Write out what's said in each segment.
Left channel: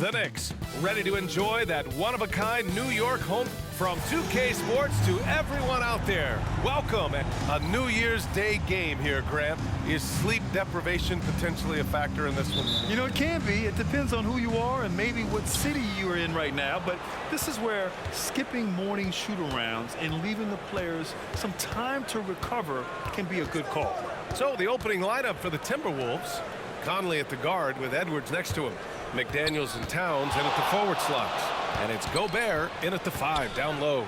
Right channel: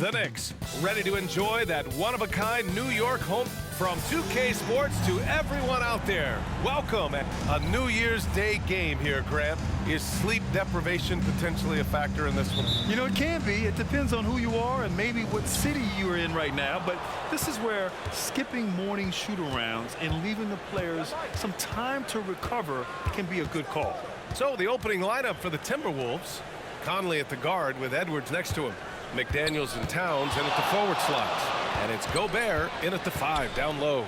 The Knicks, ready to enjoy that one-of-a-kind New York home. From 2K Sports to everyone out there, welcome. A New Year's Day game here, Grant. Is sleep deprivation potentially a factor in this one? You know, it can be. It depends on who you are and maybe what city you are in right now. But this is where skipping morning shoot-arounds and leaving the players some time to recover can be a good call. So the opening lineup for the Timberwolves. Conley at the guard with Edwards next to him. McDaniels and Towns in at the forward slots. And it's Gobert in at the 5 down low.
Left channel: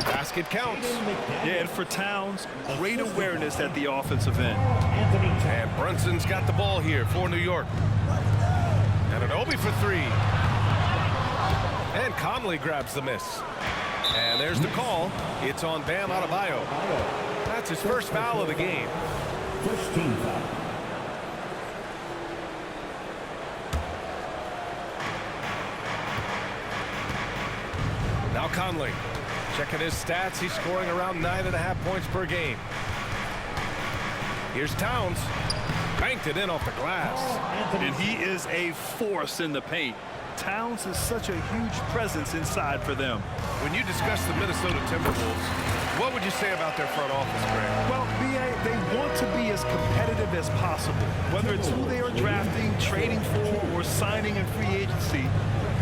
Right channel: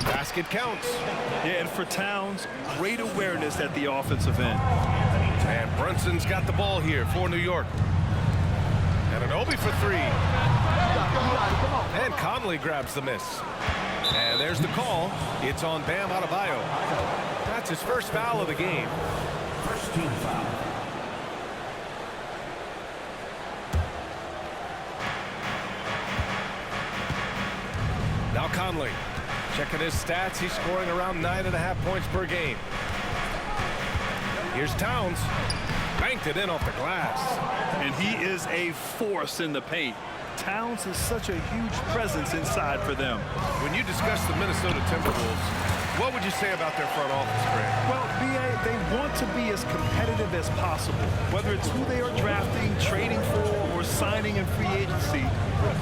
Basket counts. Yeah, and for Towns, great awareness at the offensive end. And Brunson's got the ball here for New York. And Anunoby for 3. And Conley grabs the miss. And there's the call. It's on Bam Adebayo. That's his first foul of the game. First team foul. Now Conley, checking his stats, he's scoring around 9.5 points per game. Here's Towns, banked it in off the glass. And he is a force in the paint. Towns is such a huge presence inside for them. When you discuss the Minnesota Timberwolves, what would you say about their front office, Grant? Well, B.A., they want to be as competitive as possible. Whether it's who they are drafting, trading for, or signing in free agency,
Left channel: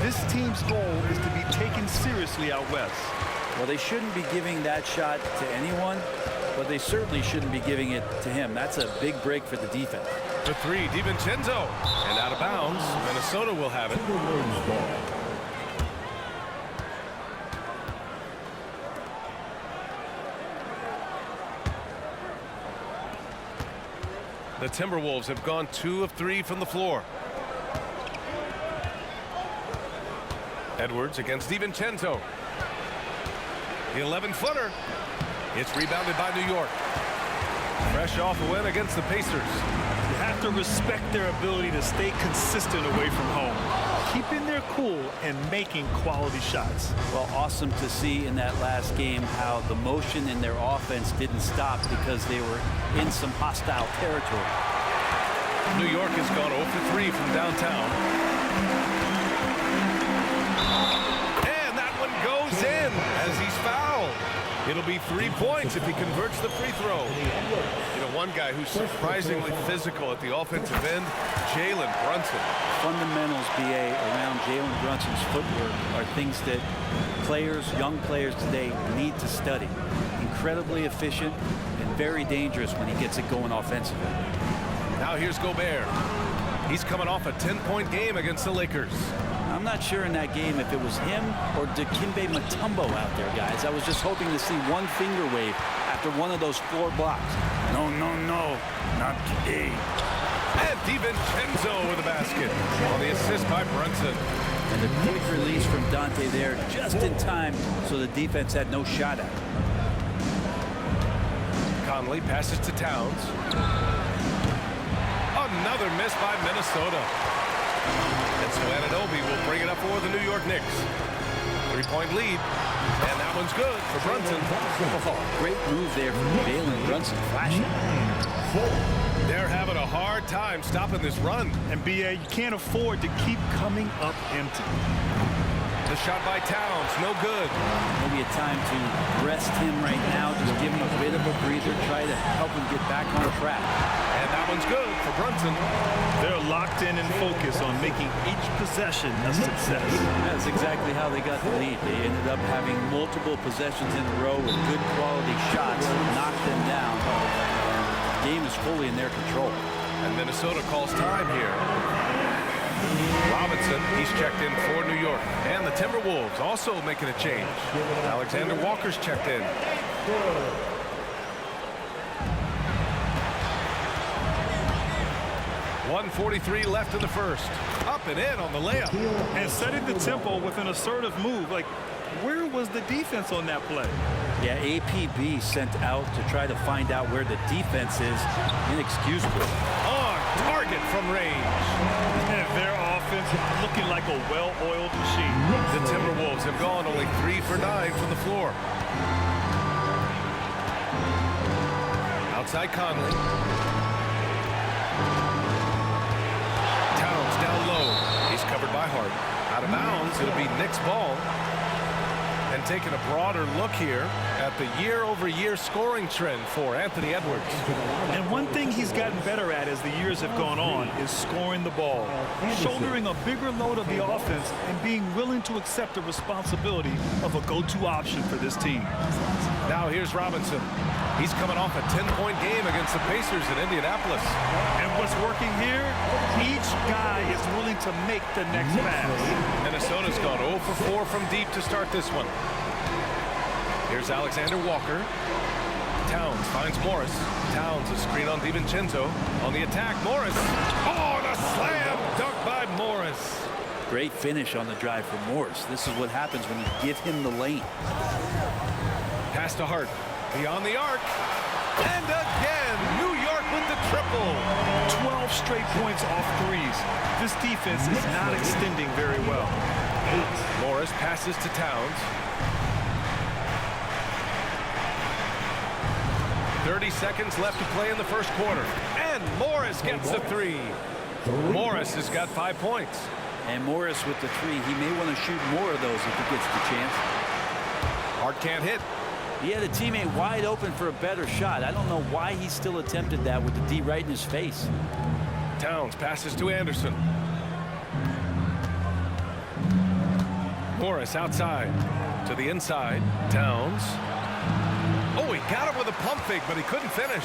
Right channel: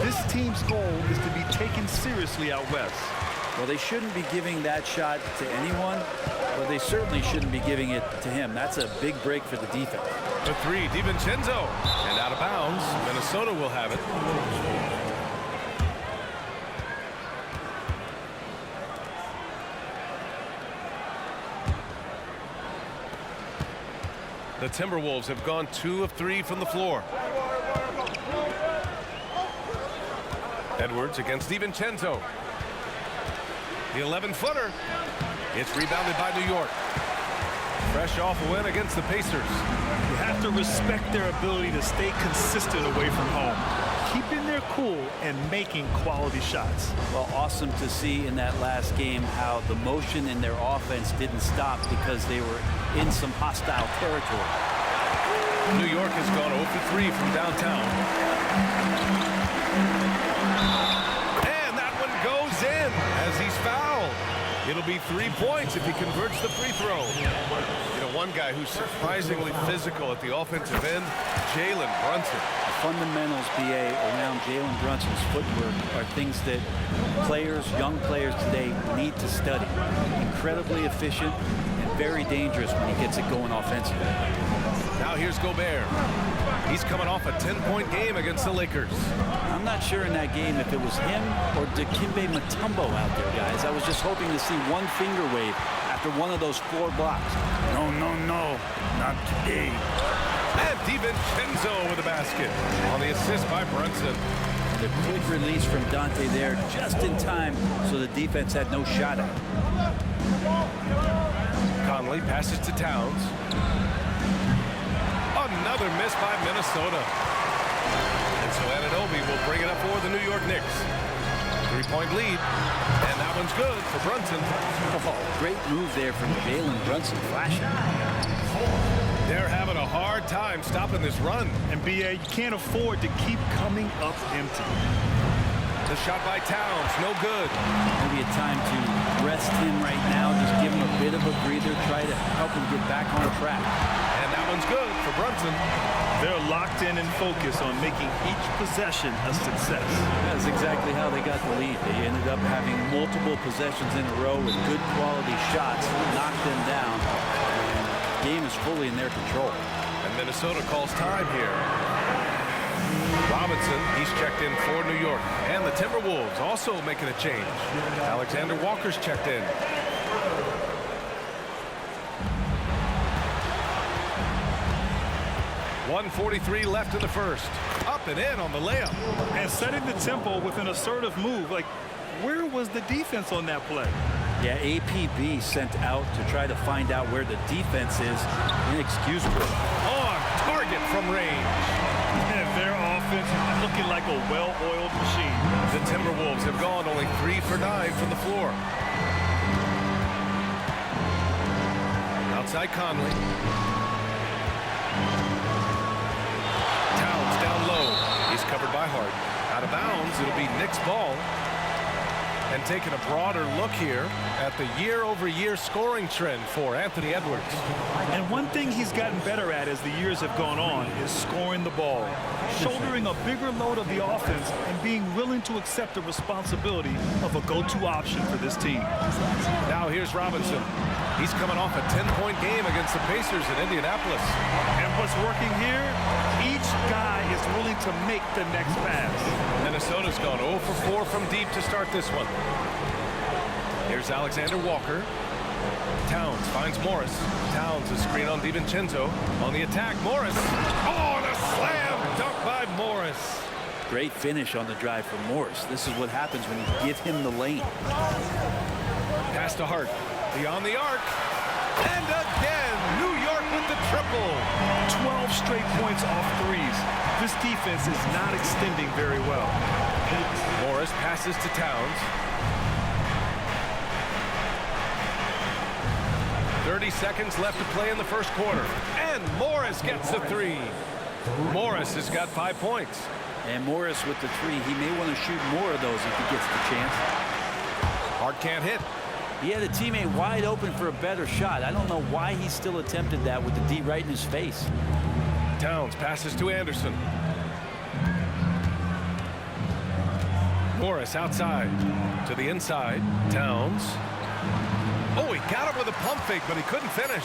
this team's goal is to be taken seriously out west. Well, they shouldn't be giving that shot to anyone, but they certainly shouldn't be giving it to him. That's a big break for the defense. The 3, DiVincenzo, and out of bounds. Minnesota will have it. The Timberwolves have gone 2 of 3 from the floor. Edwards against DiVincenzo. The 11-footer. It's rebounded by New York. Fresh off a win against the Pacers. You have to respect their ability to stay consistent away from home, keeping their cool and making quality shots. Well, awesome to see in that last game how the motion in their offense didn't stop because they were in some hostile territory. New York has gone 0 for 3 from downtown. And that one goes in as he's fouled. It'll be 3 points if he converts the free throw. You know, one guy who's surprisingly physical at the offensive end, Jalen Brunson. The fundamentals, B.A., around Jalen Brunson's footwork are things that players, young players today need to study. Incredibly efficient and very dangerous when he gets it going offensively. Now here's Gobert. He's coming off a 10-point game against the Lakers. I'm not sure in that game if it was him or Dikembe Mutombo out there, guys. I was just hoping to see one finger wave after one of those 4 blocks. No, no, no, not today. And DiVincenzo with a basket on the assist by Brunson. And the quick release from Dante there just in time so the defense had no shot at it. Conley passes to Towns. Another miss by Minnesota. And so Anunoby will bring it up for the New York Knicks. 3-point lead. And that one's good for Brunson. Oh, great move there from Jalen Brunson, flashing. They're having a hard time stopping this run. And B.A., you can't afford to keep coming up empty. The shot by Towns, no good. Maybe a time to rest him right now, just give him a bit of a breather, try to help him get back on track. And that one's good for Brunson. They're locked in and focused on making each possession a success. That's exactly how they got the lead. They ended up having multiple possessions in a row with good quality shots, knocked them down, and the game is fully in their control. And Minnesota calls time here. Robinson, he's checked in for New York. And the Timberwolves also making a change. Alexander Walker's checked in. .143 left in the first. Up and in on the layup. And setting the tempo with an assertive move. Like, where was the defense on that play? Yeah, APB sent out to try to find out where the defense is. Inexcusable. On target from range. Their offense looking like a well-oiled machine. The Timberwolves have gone only 3 for 9 from the floor. Outside Conley. Towns down low. He's covered by Hart. Out of bounds, it'll be Knicks ball. And taking a broader look here at the year-over-year scoring trend for Anthony Edwards. And one thing he's gotten better at as the years have gone on is scoring the ball, shouldering a bigger load of the offense and being willing to accept the responsibility of a go-to option for this team. Now here's Robinson. He's coming off a 10-point game against the Pacers in Indianapolis. And what's working here? Each guy is willing to make the next pass. Minnesota's gone 0 for 4 from deep to start this one. Here's Alexander Walker. Towns finds Morris. Towns a screen on DiVincenzo. On the attack, Morris. Oh, and a slam dunk by Morris. Great finish on the drive from Morris. This is what happens when you give him the lane. Pass to Hart. Beyond the arc. And again, New York with the triple. 12 straight points off threes. This defense is not extending very well. Morris passes to Towns. 30 seconds left to play in the first quarter. And Morris gets the three. Morris has got 5 points. And Morris with the three. He may want to shoot more of those if he gets the chance. Hart can't hit. He had a teammate wide open for a better shot. I don't know why he still attempted that with the D right in his face. Towns passes to Anderson. Morris outside to the inside. Towns. Oh, he got him with a pump fake, but he couldn't finish.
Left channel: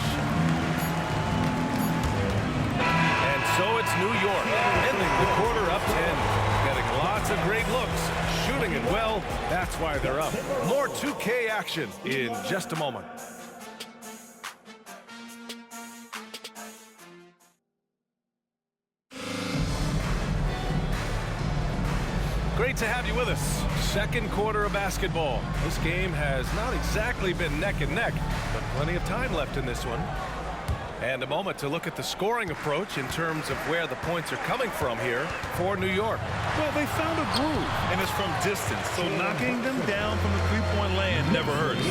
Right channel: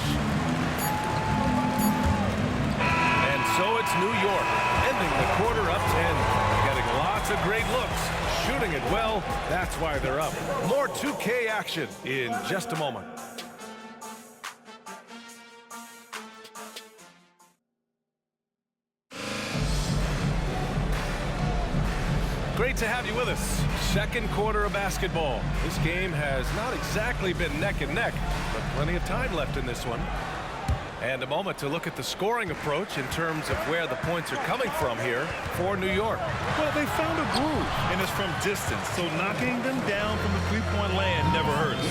And so it's New York, ending the quarter up 10. Getting lots of great looks, shooting it well. That's why they're up. More 2K action in just a moment. Great to have you with us. Second quarter of basketball. This game has not exactly been neck and neck, but plenty of time left in this one. And a moment to look at the scoring approach in terms of where the points are coming from here for New York. Well, they found a groove, and it's from distance, so knocking them down from the three-point land never hurts.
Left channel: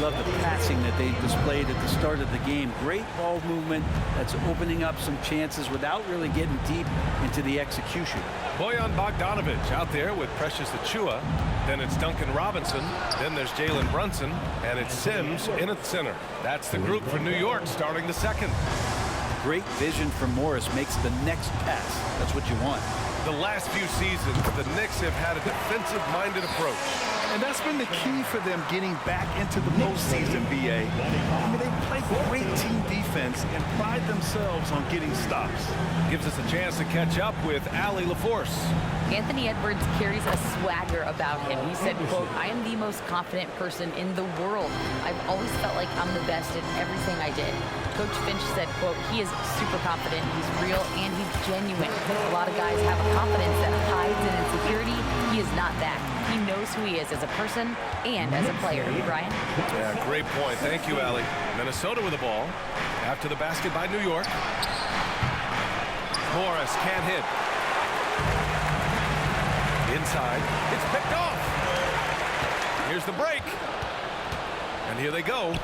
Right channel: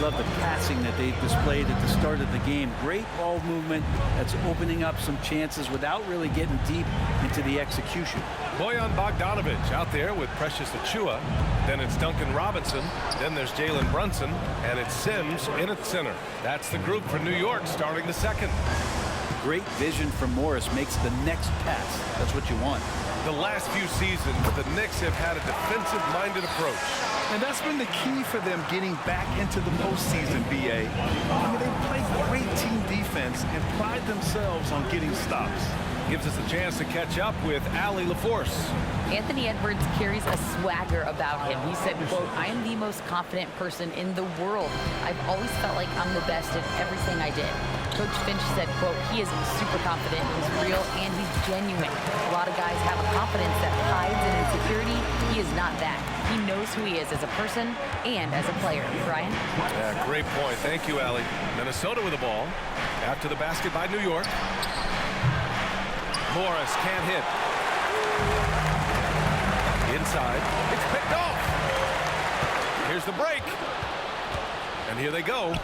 Love the passing that they displayed at the start of the game. Great ball movement that's opening up some chances without really getting deep into the execution. Bojan Bogdanovic out there with Precious Achiuwa. Then it's Duncan Robinson. Then there's Jalen Brunson. And it's Sims in at center. That's the group for New York starting the second. Great vision from Morris makes the next pass. That's what you want. The last few seasons, the Knicks have had a defensive-minded approach. And that's been the key for them getting back into the postseason, B.A. I mean, they play great team defense and pride themselves on getting stops. Gives us a chance to catch up with Allie LaForce. Anthony Edwards carries a swagger about him. He said, quote, "I am the most confident person in the world. I've always felt like I'm the best at everything I did." Coach Finch said, quote, "He is super confident, he's real, and he's genuine. A lot of guys have a confidence that hides in insecurity. He is not that. He knows who he is as a person and as a player." Brian? Yeah, great point. Thank you, Allie. Minnesota with the ball. After the basket by New York. Morris can't hit. Inside. It's picked off. Here's the break. And here they go.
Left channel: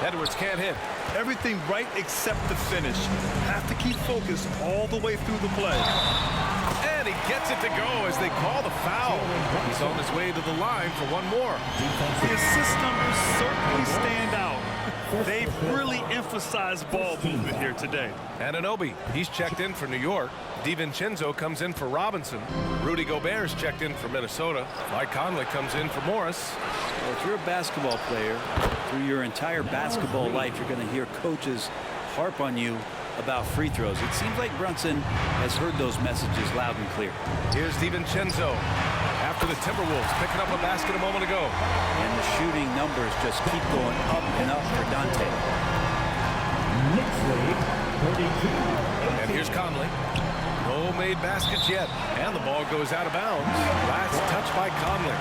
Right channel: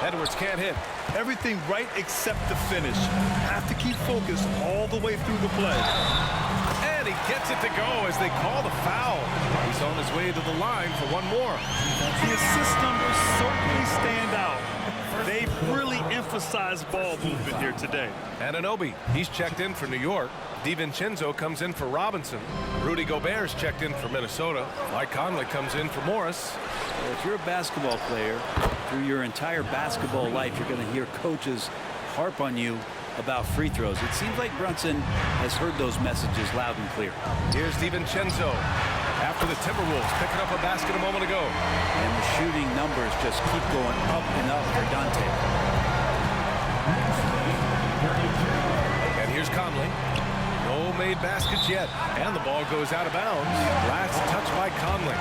Edwards can't hit. Everything right except the finish. Have to keep focused all the way through the play. And he gets it to go as they call the foul. He's on his way to the line for one more. The assist numbers certainly stand out. They've really emphasized ball movement here today. Anunoby, he's checked in for New York. DiVincenzo comes in for Robinson. Rudy Gobert's checked in for Minnesota. Mike Conley comes in for Morris. Well, if you're a basketball player, through your entire basketball life, you're going to hear coaches harp on you about free throws. It seems like Brunson has heard those messages loud and clear. Here's DiVincenzo after the Timberwolves picking up a basket a moment ago. And the shooting numbers just keep going up and up for Dante. And here's Conley. No made baskets yet. And the ball goes out of bounds. Last touch by Conley.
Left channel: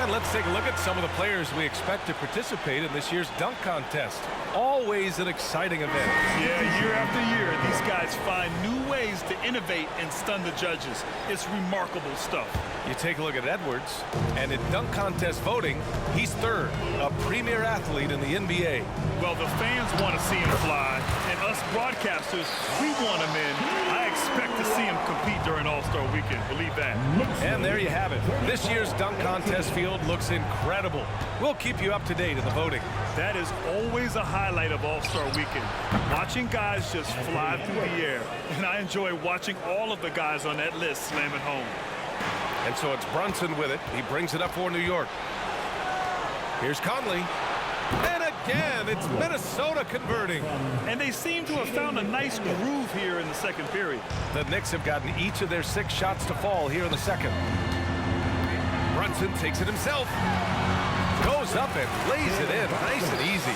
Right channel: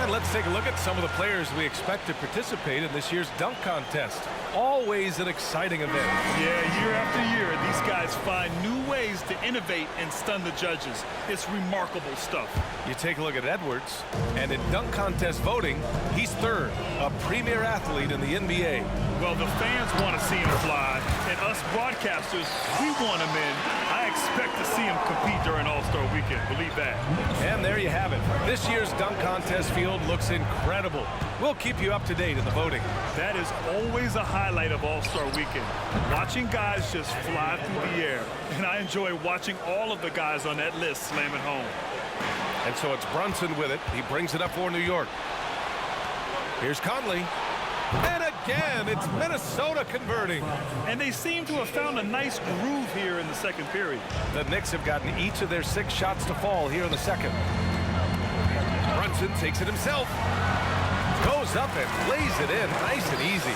And let's take a look at some of the players we expect to participate in this year's dunk contest. always an exciting event. Yeah, year after year, these guys find new ways to innovate and stun the judges. It's remarkable stuff. You take a look at Edwards, and in dunk contest voting, he's third, a premier athlete in the NBA. Well, the fans want to see him fly, and us broadcasters, we want him in. I expect to see him compete during All-Star Weekend, believe that. And there you have it. This year's dunk contest field looks incredible. We'll keep you up to date in the voting. That is always a highlight of All-Star Weekend, watching guys just fly through the air. And I enjoy watching all of the guys on that list slam it home. And so it's Brunson with it. He brings it up for New York. Here's Conley. And again, it's Minnesota converting. And they seem to have found a nice groove here in the second period. The Knicks have gotten each of their 6 shots to fall here in the second. Brunson takes it himself. Goes up and lays it in nice and easy.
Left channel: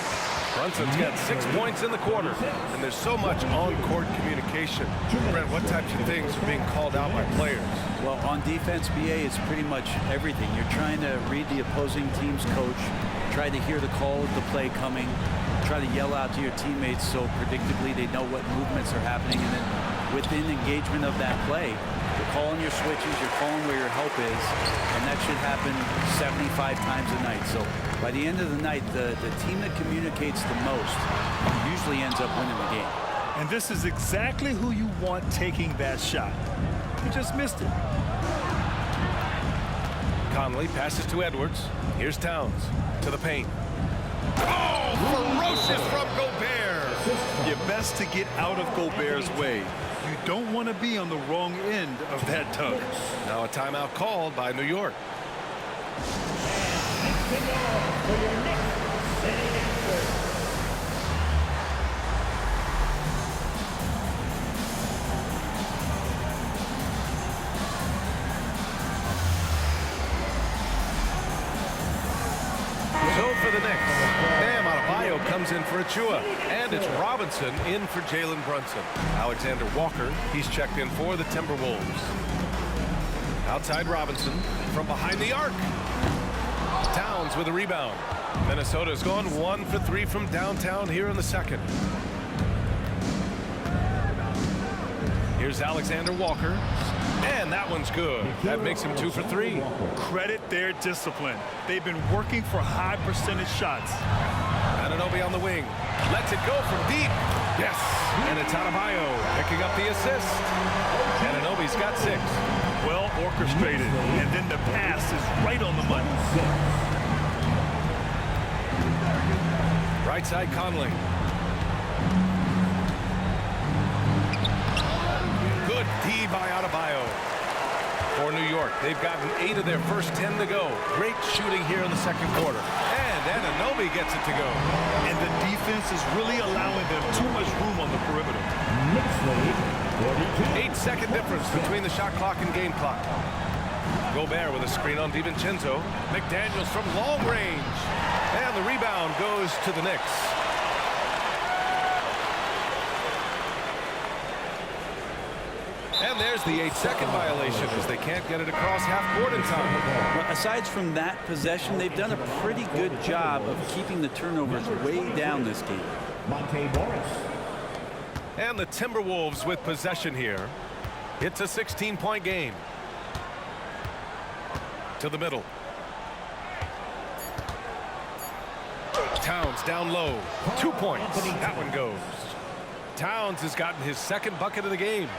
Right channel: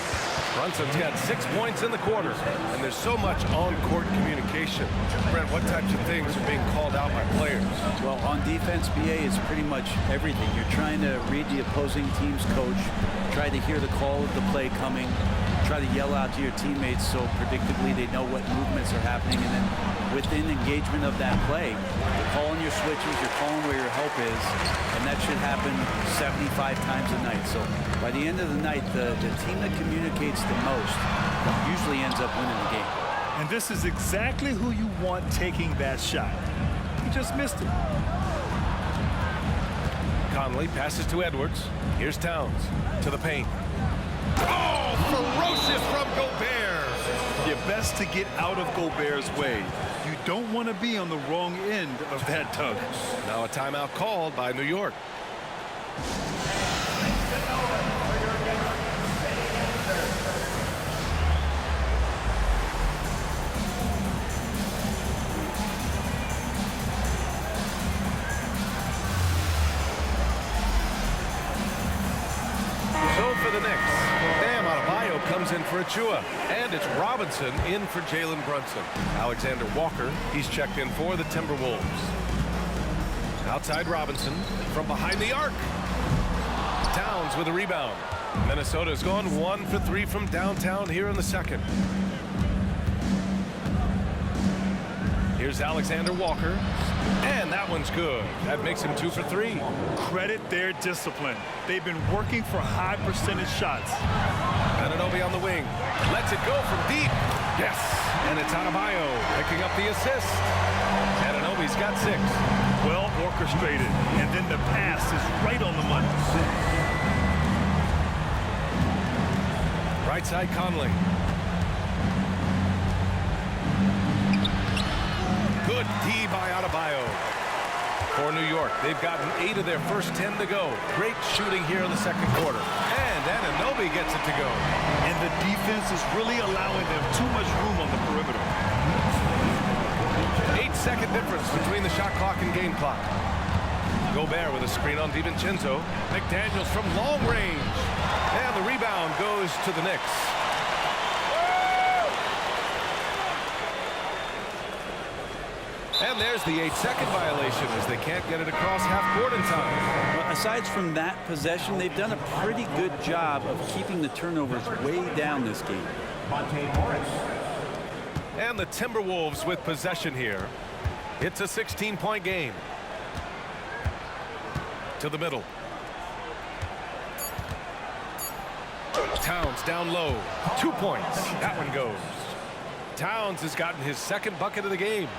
Brunson's got 6 points in the quarter, and there's so much on-court communication. Brent, what types of things are being called out by players? Well, on defense, BA, it's pretty much everything. You're trying to read the opposing team's coach, try to hear the call of the play coming, try to yell out to your teammates so predictably they know what movements are happening, and then within engagement of that play, you're calling your switches, you're calling where your help is, and that should happen 75 times a night. So by the end of the night, the team that communicates the most usually ends up winning the game. And this is exactly who you want taking that shot. He just missed it. Conley passes to Edwards. Here's Towns to the paint. Oh, ferocious from Gobert. You're best to get out of Gobert's way. You don't want to be on the wrong end of that tug. Now a timeout called by New York. So for the Knicks, Bam Adebayo comes in for Achua, and it's Robinson in for Jalen Brunson. Alexander Walker, he's checked in for the Timberwolves. Outside Robinson from behind the arc. Towns with a rebound. Minnesota's gone 1 for 3 from downtown here in the second. Here's Alexander Walker, and that one's good. That makes him 2 for 3. Credit their discipline. They've been working for high percentage shots. Anunoby on the wing. Lets it go from deep. Yes. And it's Adebayo picking up the assist. Anunoby's got 6. Well orchestrated. And then the pass is right on the money. Right side Conley. Good D by Adebayo. For New York, they've gotten 8 of their first 10 to go. Great shooting here in the second quarter. And Anunoby gets it to go. And the defense is really allowing them too much room on the perimeter. 8-second difference between the shot clock and game clock. Gobert with a screen on DiVincenzo. McDaniels from long range. And the rebound goes to the Knicks. And there's the 8-second violation as they can't get it across half court in time. Well, aside from that possession, they've done a pretty good job of keeping the turnovers way down this game. Monte Morris. And the Timberwolves with possession here. It's a 16-point game. To the middle. Towns down low. 2 points. That one goes. Towns has gotten his second bucket of the game.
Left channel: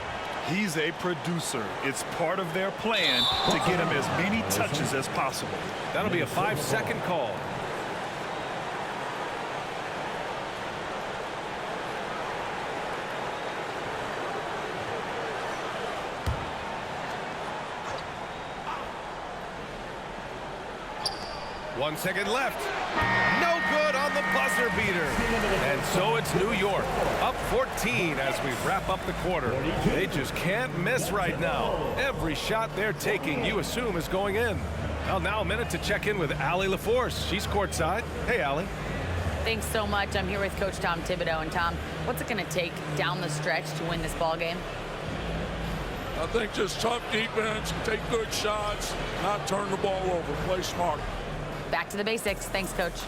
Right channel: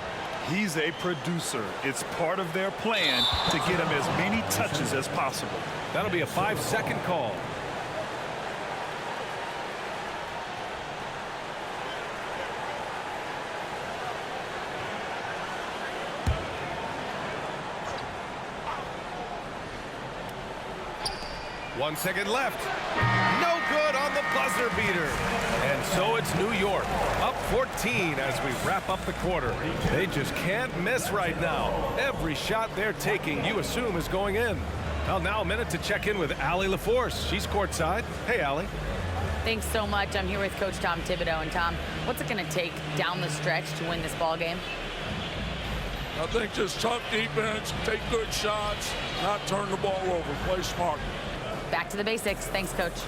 He's a producer. It's part of their plan to get him as many touches as possible. That'll be a 5-second call. One second left. No good on the buzzer beater. And so it's New York, up 14 as we wrap up the quarter. They just can't miss right now. Every shot they're taking, you assume, is going in. Well, now a minute to check in with Allie LaForce. She's courtside. Hey, Allie. Thanks so much. I'm here with Coach Tom Thibodeau. And Tom, what's it going to take down the stretch to win this ball game? I think just tough defense, take good shots, not turn the ball over, play smart. Back to the basics. Thanks, Coach.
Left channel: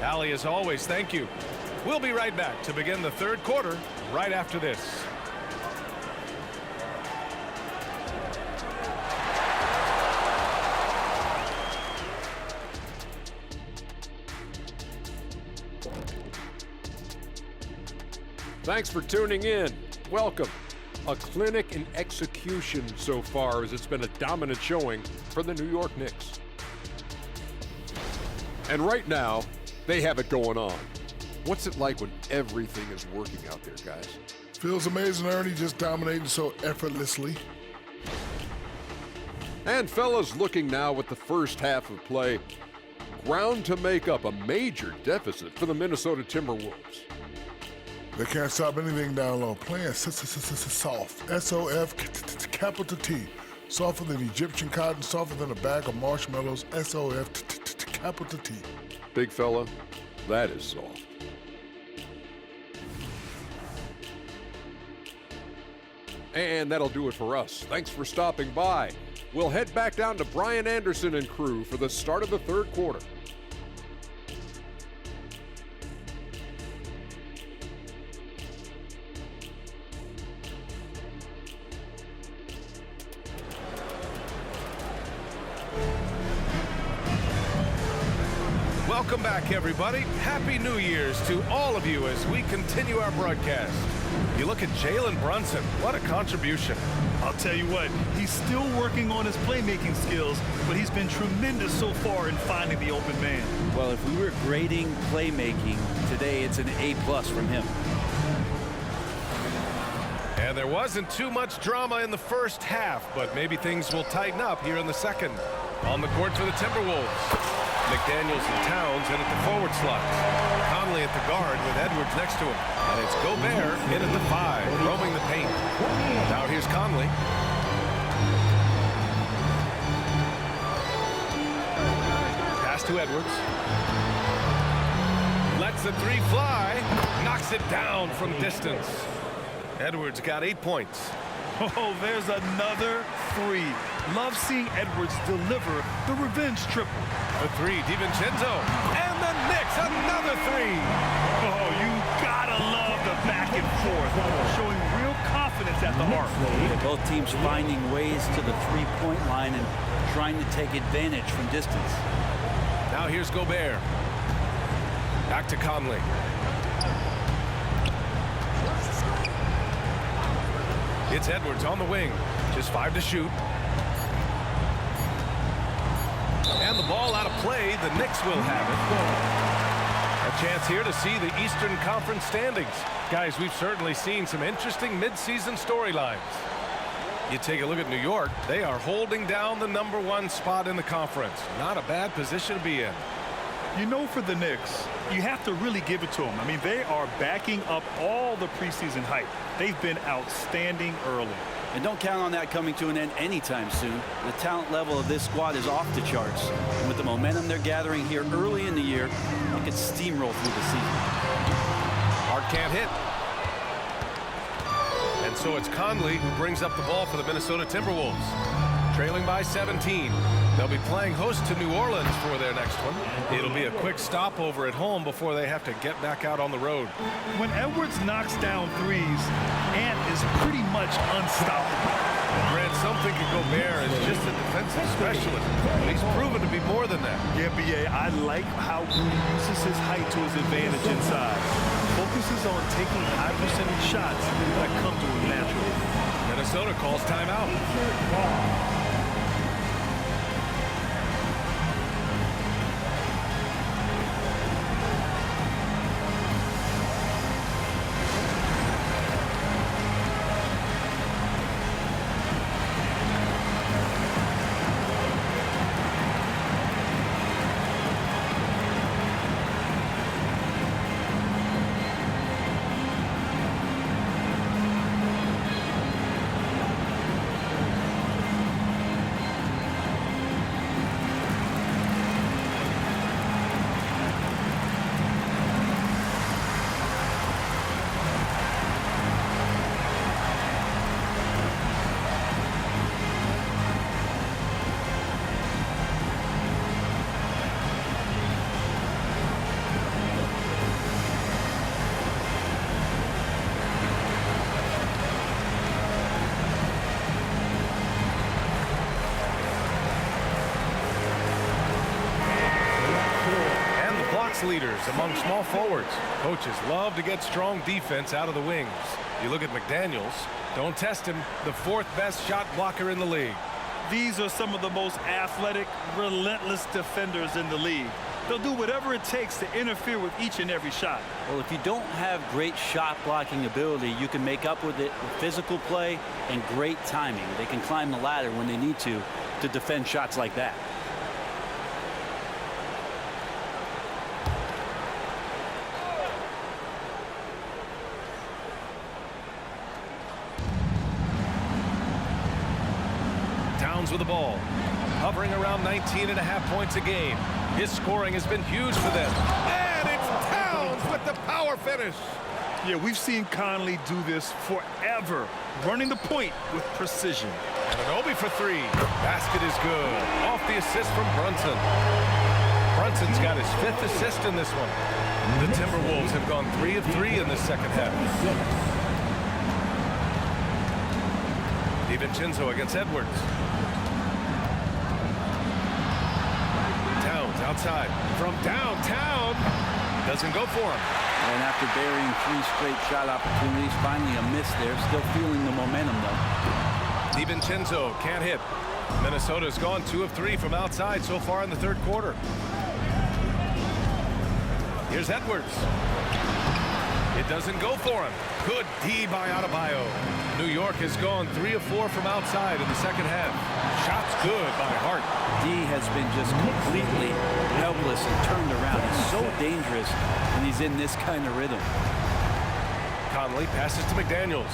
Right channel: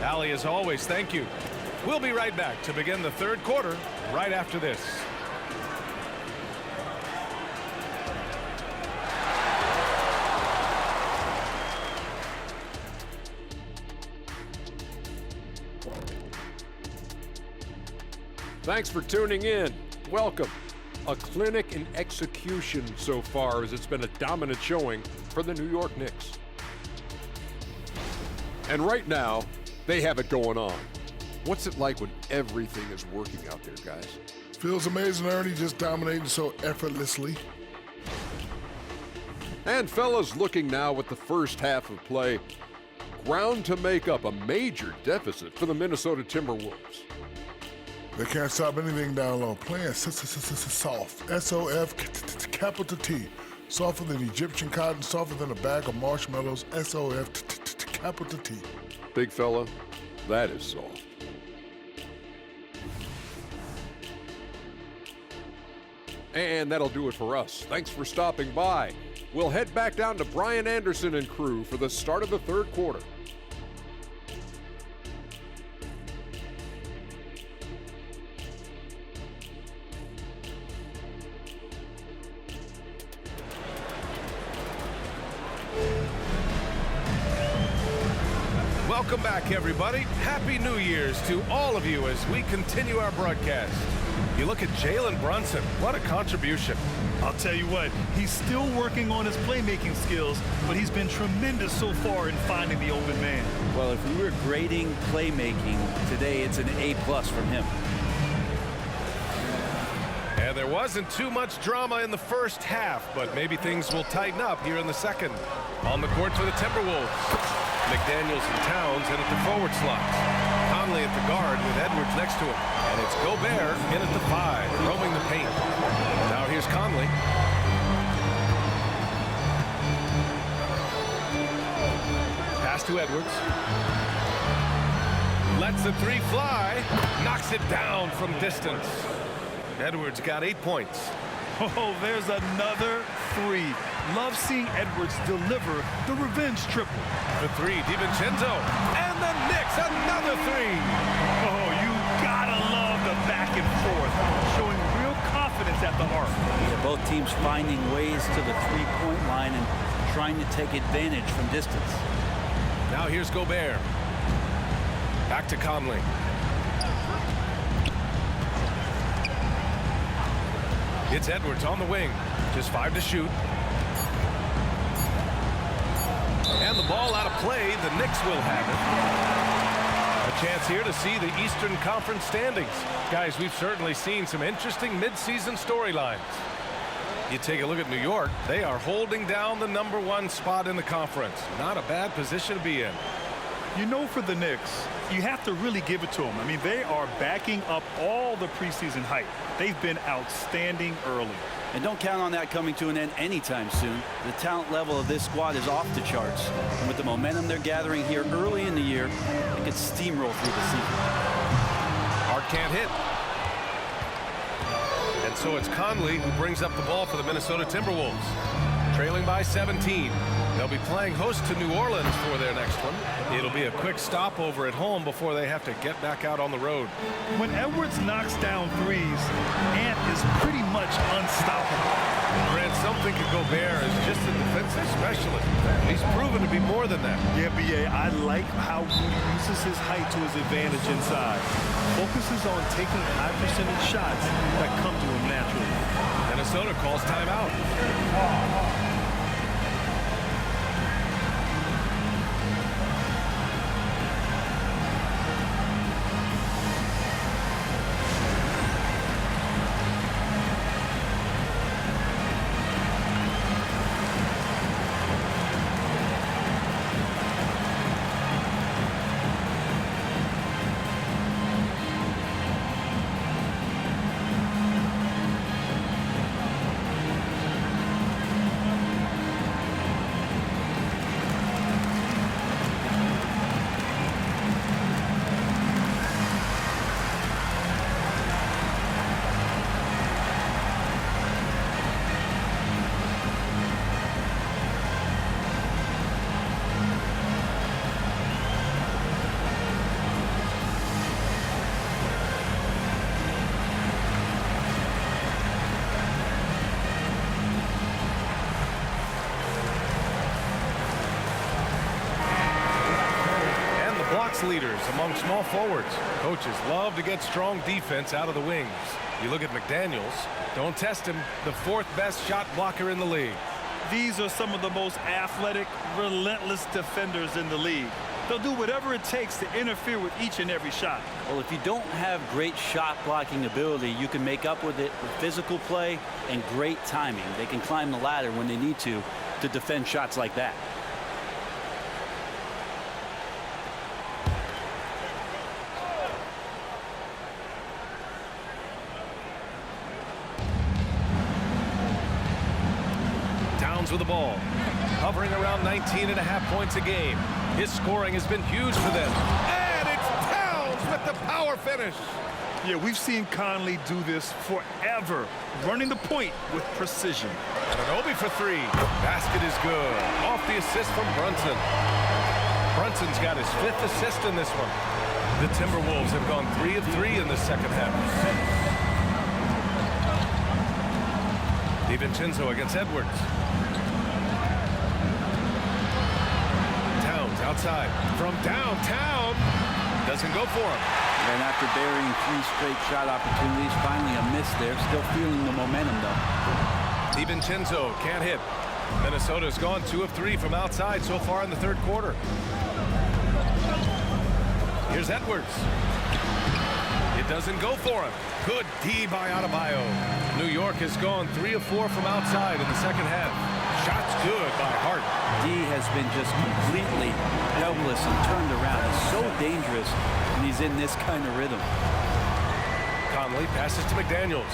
Allie, as always, thank you. We'll be right back to begin the third quarter right after this. Thanks for tuning in. Welcome. A clinic in execution so far, as it's been a dominant showing for the New York Knicks. And right now, they have it going on. What's it like when everything is working out there, guys? Feels amazing, Ernie, just dominating so effortlessly. And fellas, looking now at the first half of play, ground to make up a major deficit for the Minnesota Timberwolves. They can't stop anything down low. Playing soft. S-O-F, capital T. Softer than Egyptian cotton, softer than a bag of marshmallows. S-O-F, capital T. Big fella, that is soft. And that'll do it for us. Thanks for stopping by. We'll head back down to Brian Anderson and crew for the start of the third quarter. Welcome back, everybody. Happy New Year's to all of you as we continue our broadcast. You look at Jalen Brunson. What a contribution. I'll tell you what, he's still working on his playmaking skills, but he's been tremendous so far in finding the open man. Well, if we were grading playmaking today, it's an A+ from him. And there wasn't too much drama in the first half, but maybe things will tighten up here in the second. On the court for the Timberwolves, McDaniels and Towns in at the forward slots. Conley at the guard with Edwards next to him. And it's Gobert in at the 5, roaming the paint. Now here's Conley. Pass to Edwards. Lets the 3 fly. Knocks it down from distance. Edwards got 8 points. Oh, there's another 3. Love seeing Edwards deliver the revenge triple. For 3, DiVincenzo. And the Knicks, another 3. Oh, you gotta love the back and forth, showing real confidence at the arc. Yeah, both teams finding ways to the three-point line and trying to take advantage from distance. Now here's Gobert. Back to Conley. It's Edwards on the wing. Just 5 to shoot. And the ball out of play. The Knicks will have it. A chance here to see the Eastern Conference standings. Guys, we've certainly seen some interesting midseason storylines. You take a look at New York. They are holding down the #1 spot in the conference. Not a bad position to be in. You know, for the Knicks, you have to really give it to them. I mean, they are backing up all the preseason hype. They've been outstanding early. And don't count on that coming to an end anytime soon. The talent level of this squad is off the charts. And with the momentum they're gathering here early in the year, they could steamroll through the season. Hart can't hit. And so it's Conley who brings up the ball for the Minnesota Timberwolves. Trailing by 17. They'll be playing host to New Orleans for their next one. It'll be a quick stopover at home before they have to get back out on the road. When Edwards knocks down 3s, Ant is pretty much unstoppable. Grant, some think of Gobert as just a defensive specialist, but he's proven to be more than that. Yeah, B.A., I like how Rudy uses his height to his advantage inside. Focuses on taking high percentage shots that come to him naturally. Minnesota calls timeout. stats leaders among small forwards. Coaches love to get strong defense out of the wings. You look at McDaniels, don't test him, the 4th best shot blocker in the league. These are some of the most athletic, relentless defenders in the league. They'll do whatever it takes to interfere with each and every shot. Well, if you don't have great shot blocking ability, you can make up with it with physical play and great timing. They can climb the ladder when they need to defend shots like that. Towns with the ball, hovering around 19.5 points a game. His scoring has been huge for them. And it's Towns with the power finish. Yeah, we've seen Conley do this forever, running the point with precision. Anunoby for 3. Basket is good. Off the assist from Brunson. Brunson's got his 5th assist in this one. The Timberwolves have gone 3 of 3 in the second half. DiVincenzo against Edwards. Towns outside from downtown. Doesn't go for him. And after burying 3 straight shot opportunities, finally a miss there. Still feeling the momentum, though. DiVincenzo can't hit. Minnesota's gone 2 of 3 from outside so far in the 3rd quarter. Here's Edwards. It doesn't go for him. Good D by Adebayo. New York has gone 3 of 4 from outside in the second half. Shots good by Hart. D has been just completely helpless and turned around. He's so dangerous when he's in this kind of rhythm. Conley passes to McDaniels.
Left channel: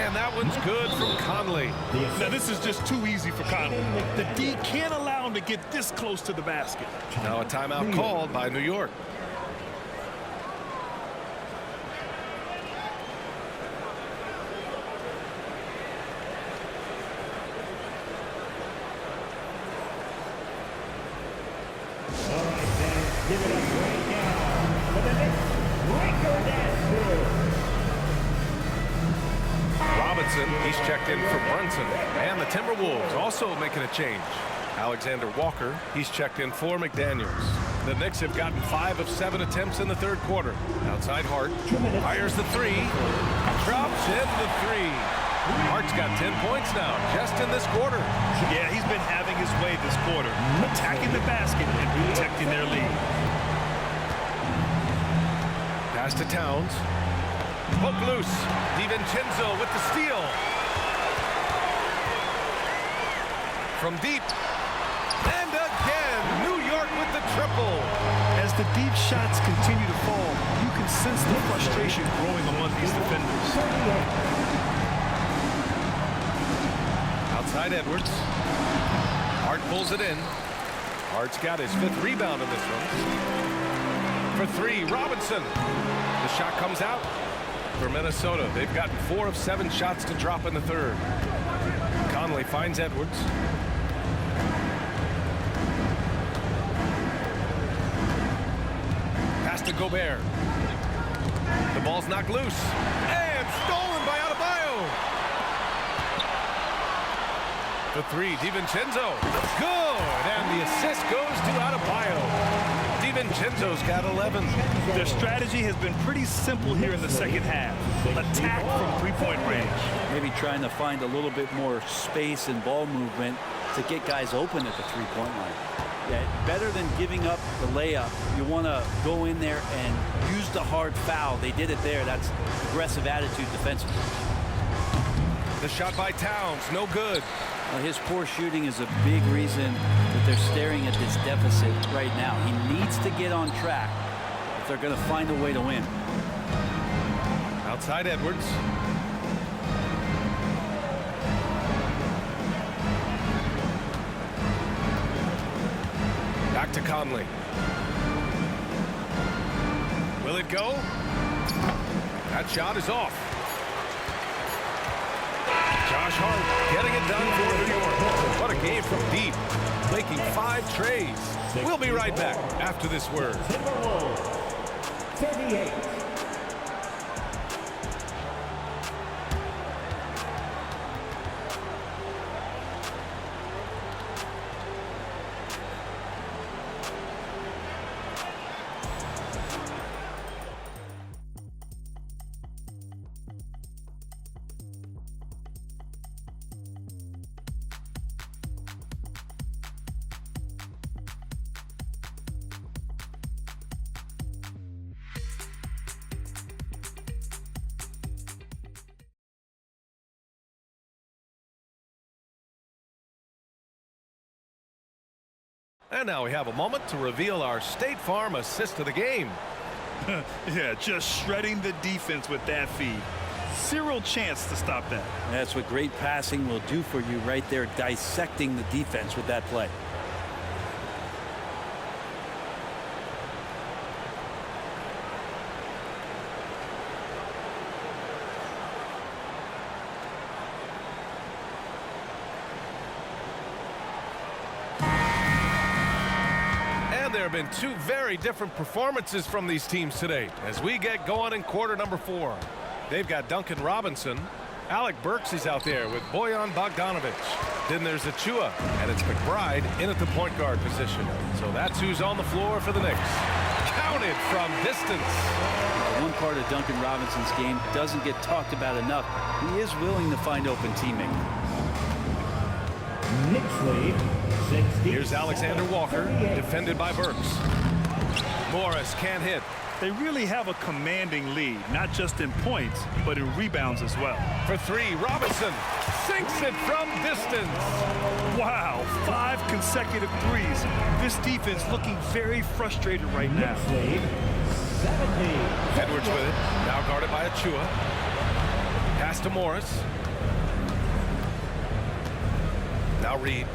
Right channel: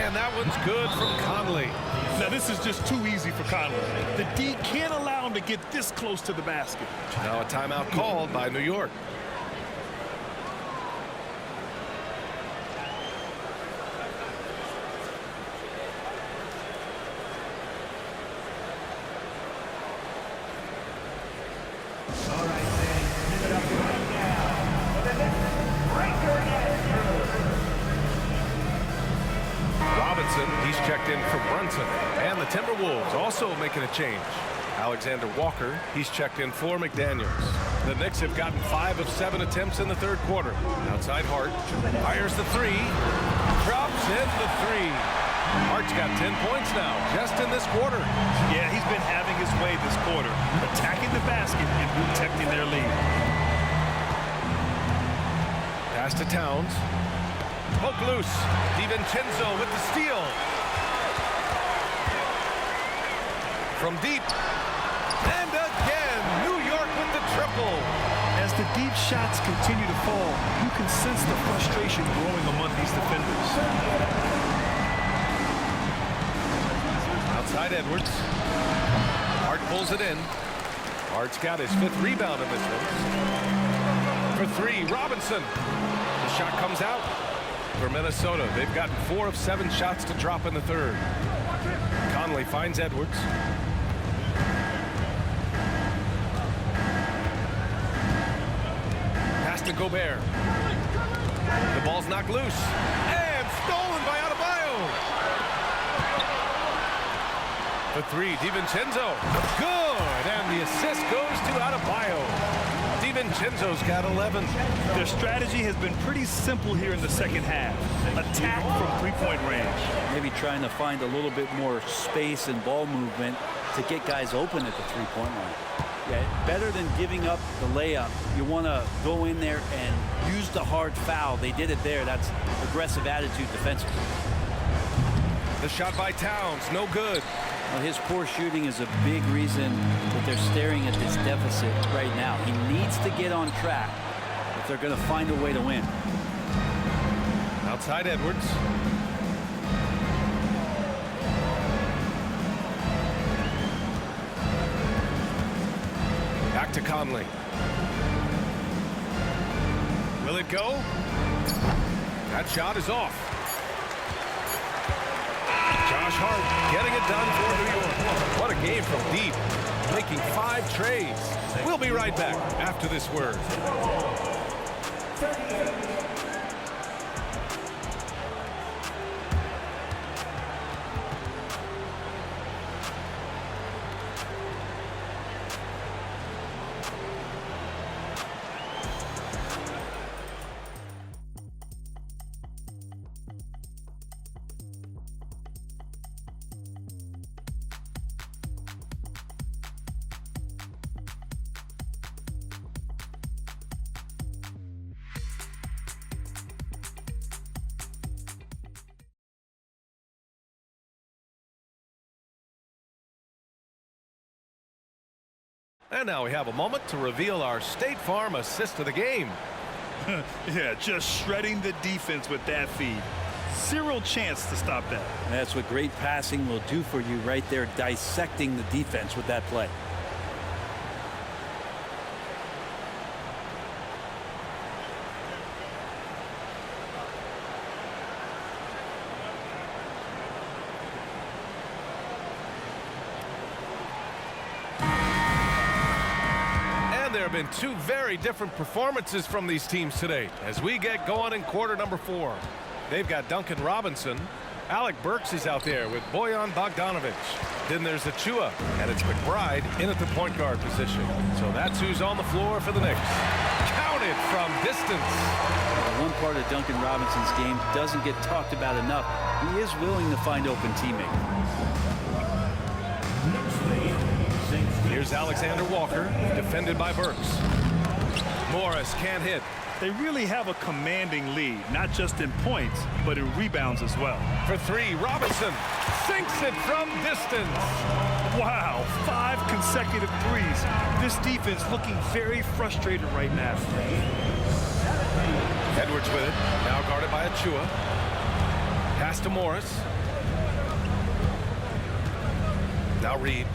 And that one's good from Conley. Now, this is just too easy for Conley. The D can't allow him to get this close to the basket. Now a timeout called by New York. Give it up right now for the next record Astros. Robinson, he's checked in for Brunson. And the Timberwolves also making a change. Alexander Walker, he's checked in for McDaniels. The Knicks have gotten 5 of 7 attempts in the 3rd quarter. Outside Hart, fires the 3, drops in the 3. Hart's got 10 points now, just in this quarter. Yeah, he's been having his way this quarter, attacking the basket and protecting their lead. Pass to Towns. Poke loose. DiVincenzo with the steal. From deep. And again, New York with the triple. As the deep shots continue to fall, you can sense the frustration growing among these defenders. Outside Edwards. Hart pulls it in. Hart's got his 5th rebound in this one. For 3, Robinson. The shot comes out for Minnesota. They've gotten 4 of 7 shots to drop in the 3rd. Conley finds Edwards. Pass to Gobert. The ball's knocked loose. And stolen by Adebayo. For 3, DiVincenzo. Good, and the assist goes to Adebayo. DiVincenzo's got 11. Their strategy has been pretty simple here in the second half. Attack from 3-point range. Maybe trying to find a little bit more space and ball movement to get guys open at the 3-point line. Yeah, better than giving up the layup. You want to go in there and use the hard foul. They did it there. That's aggressive attitude defensively. The shot by Towns, no good. Well, his poor shooting is a big reason that they're staring at this deficit right now. He needs to get on track if they're going to find a way to win. Outside Edwards. Back to Conley. Will it go? That shot is off. Josh Hart getting it done for New York. What a game from deep, making 5 trays. We'll be right back after this word. 38. And now we have a moment to reveal our State Farm assist of the game. Yeah, just shredding the defense with that feed. Zero chance to stop that. That's what great passing will do for you right there, dissecting the defense with that play. There have been two very different performances from these teams today as we get going in quarter number 4. They've got Duncan Robinson. Alec Burks is out there with Bojan Bogdanovic. Then there's Achua, and it's McBride in at the point guard position. So that's who's on the floor for the Knicks. Counted from distance. One part of Duncan Robinson's game doesn't get talked about enough. He is willing to find open teammates. Knicks lead. Here's Alexander Walker, defended by Burks. Morris can't hit. They really have a commanding lead, not just in points, but in rebounds as well. For 3, Robinson sinks it from distance. Wow, 5 consecutive threes. This defense looking very frustrated right now. Edwards with it, now guarded by Achua. Pass to Morris. Now Reed.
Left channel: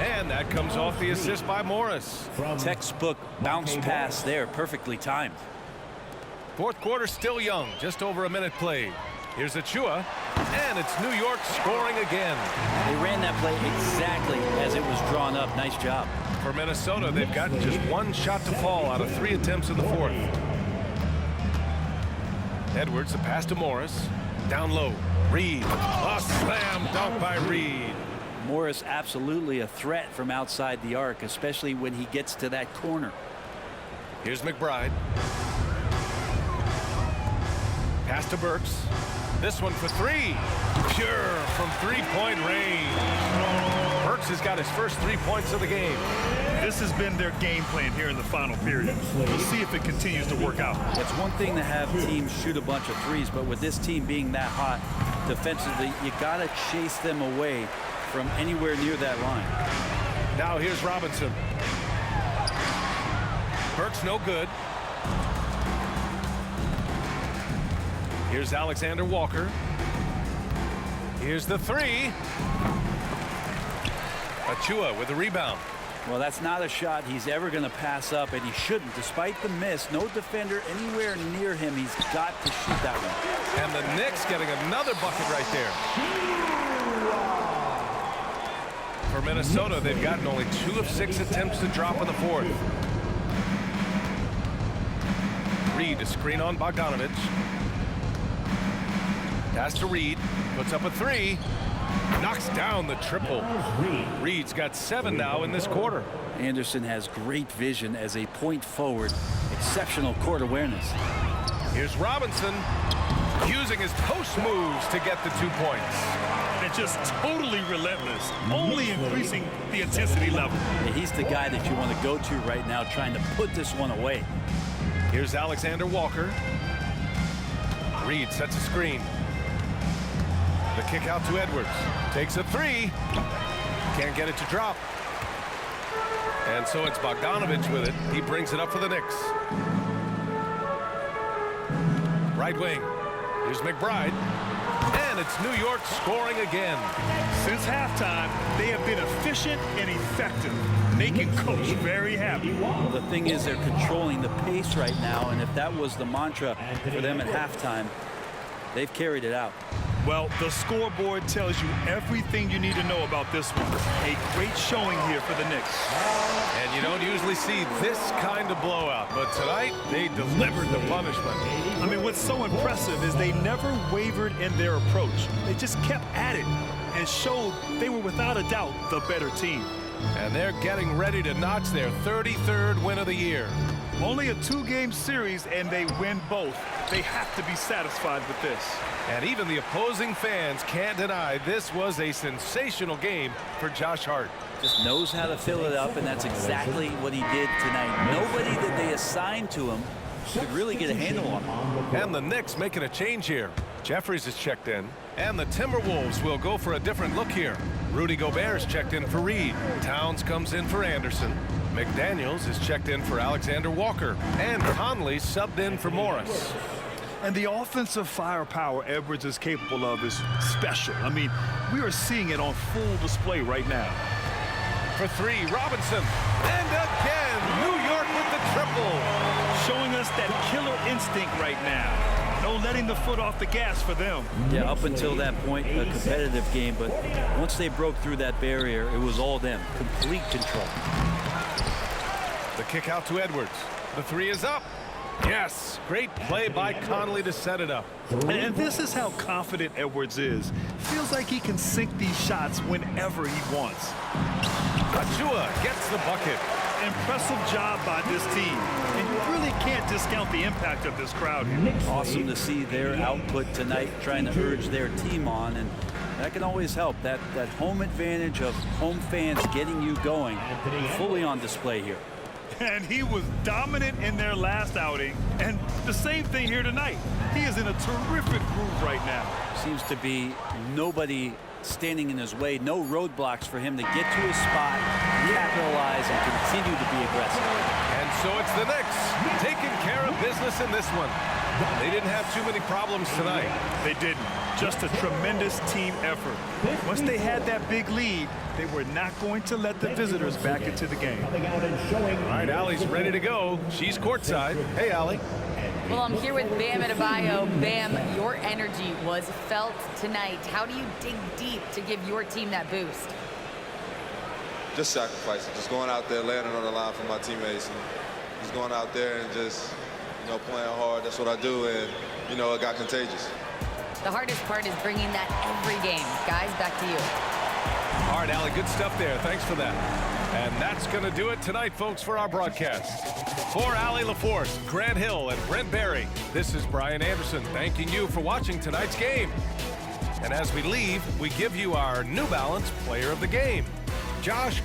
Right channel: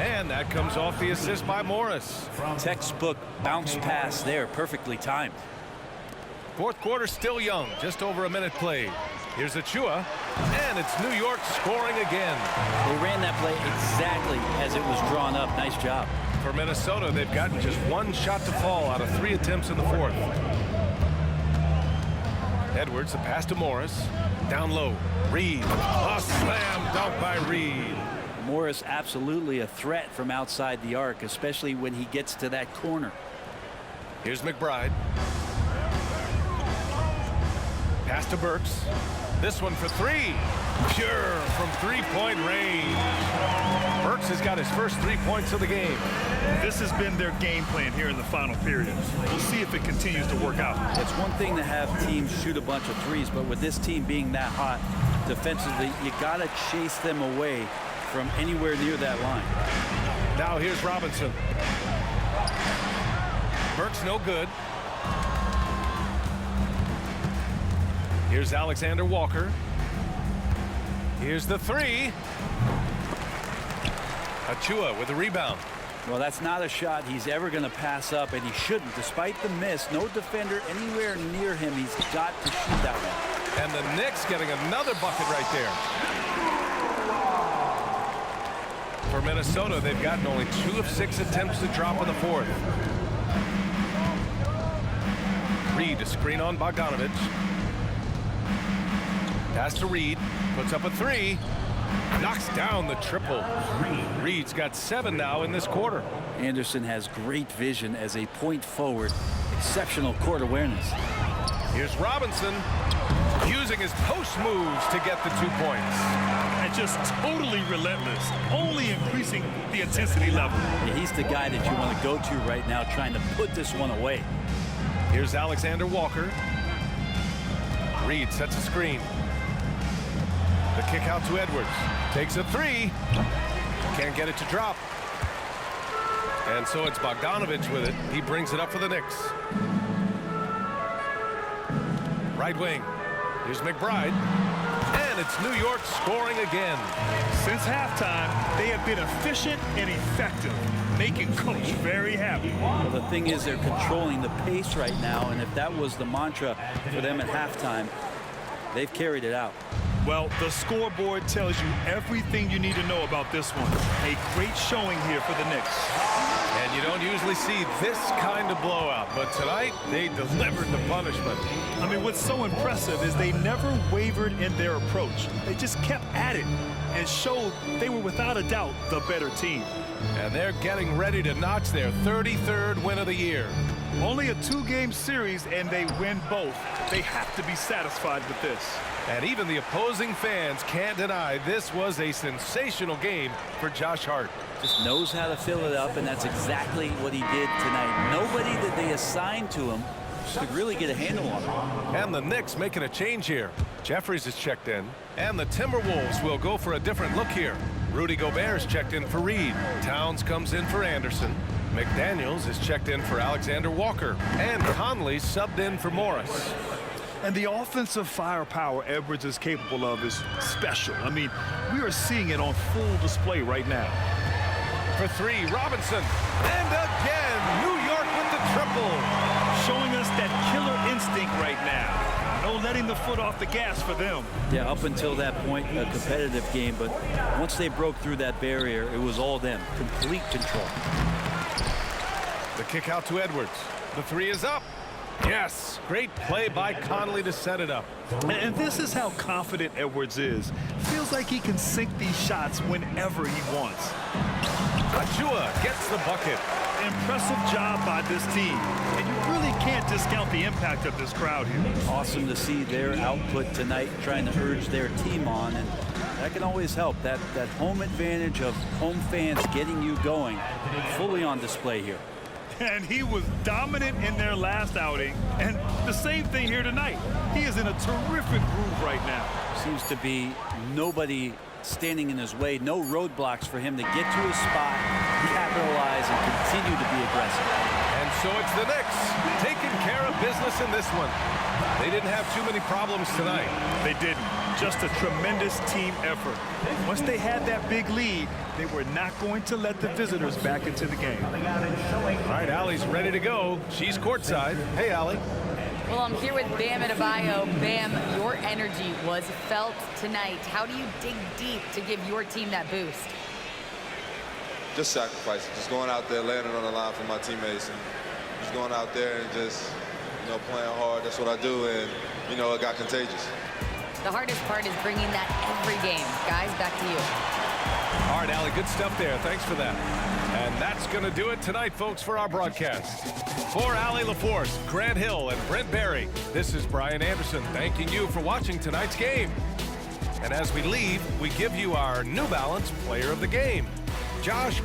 And that comes off the assist by Morris. Textbook bounce pass there, perfectly timed. Fourth quarter still young, just over a minute played. Here's Achua, and it's New York scoring again. They ran that play exactly as it was drawn up. Nice job. For Minnesota, they've gotten just 1 shot to fall out of 3 attempts in the fourth. Edwards, the pass to Morris. Down low, Reed. A slam dunk by Reed. Morris absolutely a threat from outside the arc, especially when he gets to that corner. Here's McBride. Pass to Burks. This one for 3. Pure from 3-point range. Burks has got his first 3 points of the game. This has been their game plan here in the final period. We'll see if it continues to work out. It's one thing to have teams shoot a bunch of threes, but with this team being that hot defensively, you got to chase them away from anywhere near that line. Now here's Robinson. Burks no good. Here's Alexander Walker. Here's the 3. Achua with the rebound. Well, that's not a shot he's ever going to pass up, and he shouldn't. Despite the miss, no defender anywhere near him. He's got to shoot that one. And the Knicks getting another bucket right there. For Minnesota, they've gotten only 2 of 6 attempts to drop in the fourth. Reed to screen on Bogdanovic. Pass to Reed. Puts up a 3. Knocks down the triple. Reed's got 7 now in this quarter. Anderson has great vision as a point forward. Exceptional court awareness. Here's Robinson using his post moves to get the 2 points. And just totally relentless, only increasing the intensity level. Yeah, he's the guy that you want to go to right now, trying to put this one away. Here's Alexander Walker. Reed sets a screen. The kick out to Edwards. Takes a 3. Can't get it to drop. And so it's Bogdanovic with it. He brings it up for the Knicks. Right wing. Here's McBride. And it's New York scoring again. Since halftime, they have been efficient and effective, making Coach very happy. Well, the thing is, they're controlling the pace right now, and if that was the mantra for them at halftime, they've carried it out. Well, the scoreboard tells you everything you need to know about this one. A great showing here for the Knicks. And you don't usually see this kind of blowout, but tonight they delivered the punishment. I mean, what's so impressive is they never wavered in their approach. They just kept at it and showed they were without a doubt the better team. And they're getting ready to notch their 33rd win of the year. Only a 2-game series, and they win both. They have to be satisfied with this. And even the opposing fans can't deny this was a sensational game for Josh Hart. Just knows how to fill it up, and that's exactly what he did tonight. Nobody that they assigned to him could really get a handle on him. And the Knicks making a change here. Jeffries is checked in, and the Timberwolves will go for a different look here. Rudy Gobert is checked in for Reed. Towns comes in for Anderson. McDaniels is checked in for Alexander Walker. And Conley subbed in for Morris. And the offensive firepower Edwards is capable of is special. I mean, we are seeing it on full display right now. For three, Robinson. And again, New York with the triple. Showing us that killer instinct right now. No letting the foot off the gas for them. Yeah, up until that point, a competitive game, but once they broke through that barrier, it was all them. Complete control. The kick out to Edwards. The three is up. Yes, great play by Conley to set it up. And this is how confident Edwards is. Feels like he can sink these shots whenever he wants. Achua gets the bucket. Impressive job by this team. And you really can't discount the impact of this crowd here. Awesome to see their output tonight, trying to urge their team on, and that can always help. That home advantage of home fans getting you going, fully on display here. And he was dominant in their last outing, and the same thing here tonight. He is in a terrific groove right now. Seems to be nobody standing in his way, no roadblocks for him to get to his spot, capitalize, and continue to be aggressive. And so it's the Knicks taking care of business in this one. They didn't have too many problems tonight. They didn't. Just a tremendous team effort. Once they had that big lead, they were not going to let the visitors back into the game. All right, Allie's ready to go. She's courtside. Hey, Allie. Well, I'm here with Bam Adebayo. Bam, your energy was felt tonight. How do you dig deep to give your team that boost? Just sacrificing, just going out there, landing on the line for my teammates, and just going out there and just, playing hard. That's what I do, and, it got contagious. The hardest part is bringing that every game. Guys, back to you. All right, Allie, good stuff there. Thanks for that. And that's going to do it tonight, folks, for our broadcast. For Allie LaForce, Grant Hill, and Brent Barry, this is Brian Anderson thanking you for watching tonight's game. And as we leave, we give you our New Balance Player of the Game. Josh